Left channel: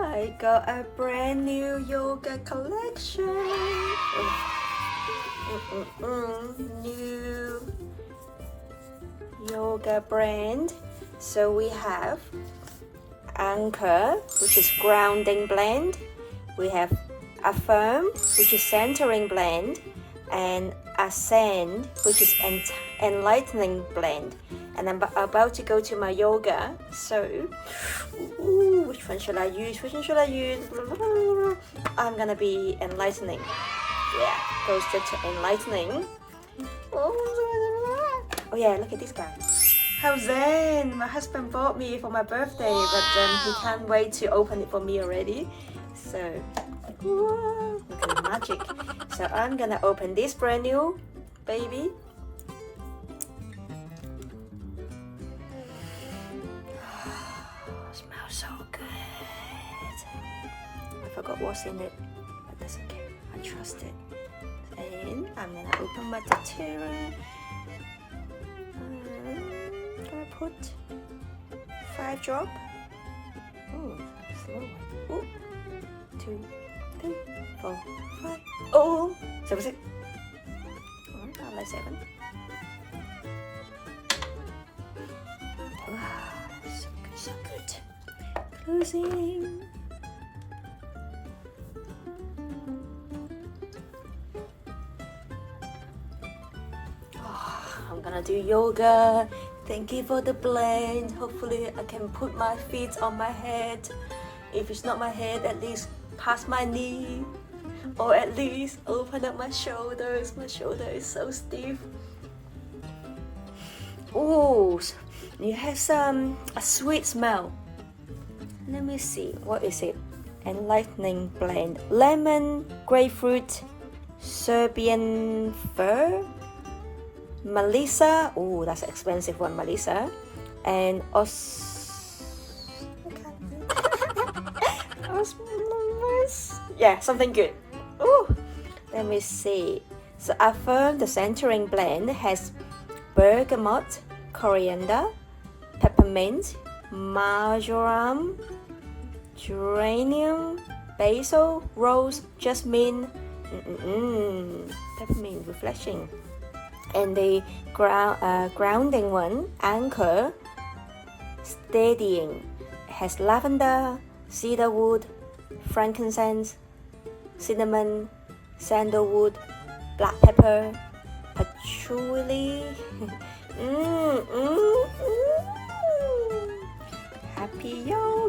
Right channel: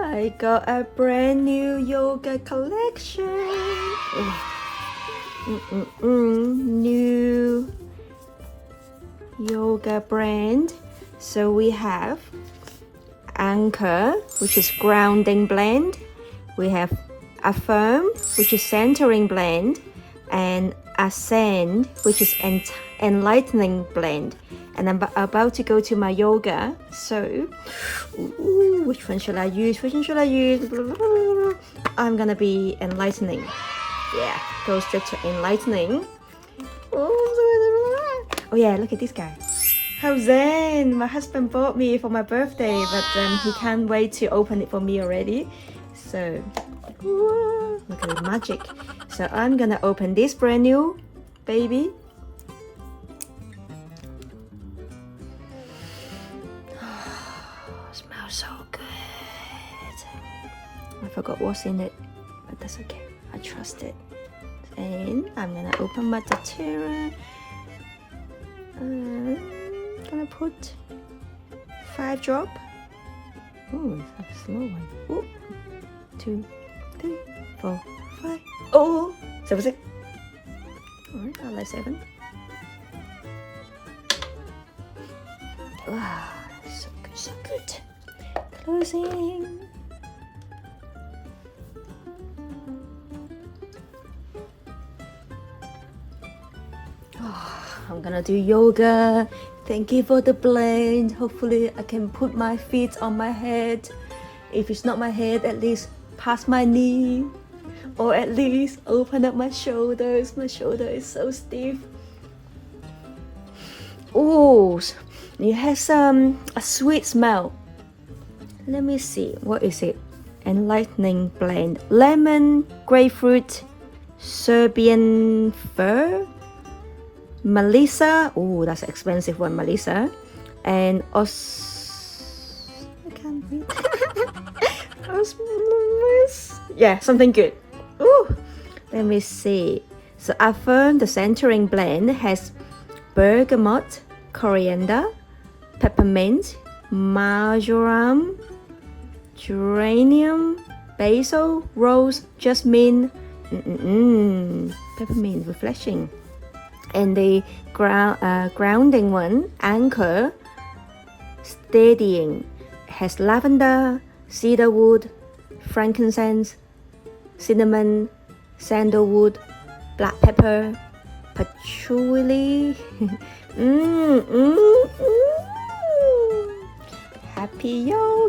I got a brand new yoga collection. New yoga brand. So we have Anchor, which is grounding blend. We have Affirm, which is centering blend, and Ascend, which is enlightening blend. And I'm about to go to my yoga, so which one should I use? I'm gonna be enlightening. Yeah, go straight to enlightening. Oh yeah, look at this guy. How zen! My husband bought me for my birthday, but he can't wait to open it for me already. So look at the magic. So I'm gonna open this brand new baby. Smells so good. I forgot what's in it, but that's okay. I trust it. And I'm gonna open my Doterra. I'm gonna put 5 drop. Ooh, that's a slow one. Ooh. 2, 3, 4, 5. Oh, 7, 6. I like 7. Wow, so good, so good. Closing. I'm gonna do yoga. Thank you for the blend. Hopefully I can put my feet on my head. If it's not my head, at least past my knee, or at least open up my shoulders. My shoulder is so stiff. Oh, it has a sweet smell. Let me see, what is it? Enlightening blend. Lemon, grapefruit, Serbian fir, Melissa. Oh, that's an expensive one, Melissa. And yeah, something good. Ooh, let me see. So Affirm, the centering blend, has bergamot, coriander, peppermint, marjoram, geranium, basil, rose, jasmine, peppermint, refreshing. And the grounding one, Anchor, steadying, has lavender, cedarwood, frankincense, cinnamon, sandalwood, black pepper, patchouli. Happy yoga!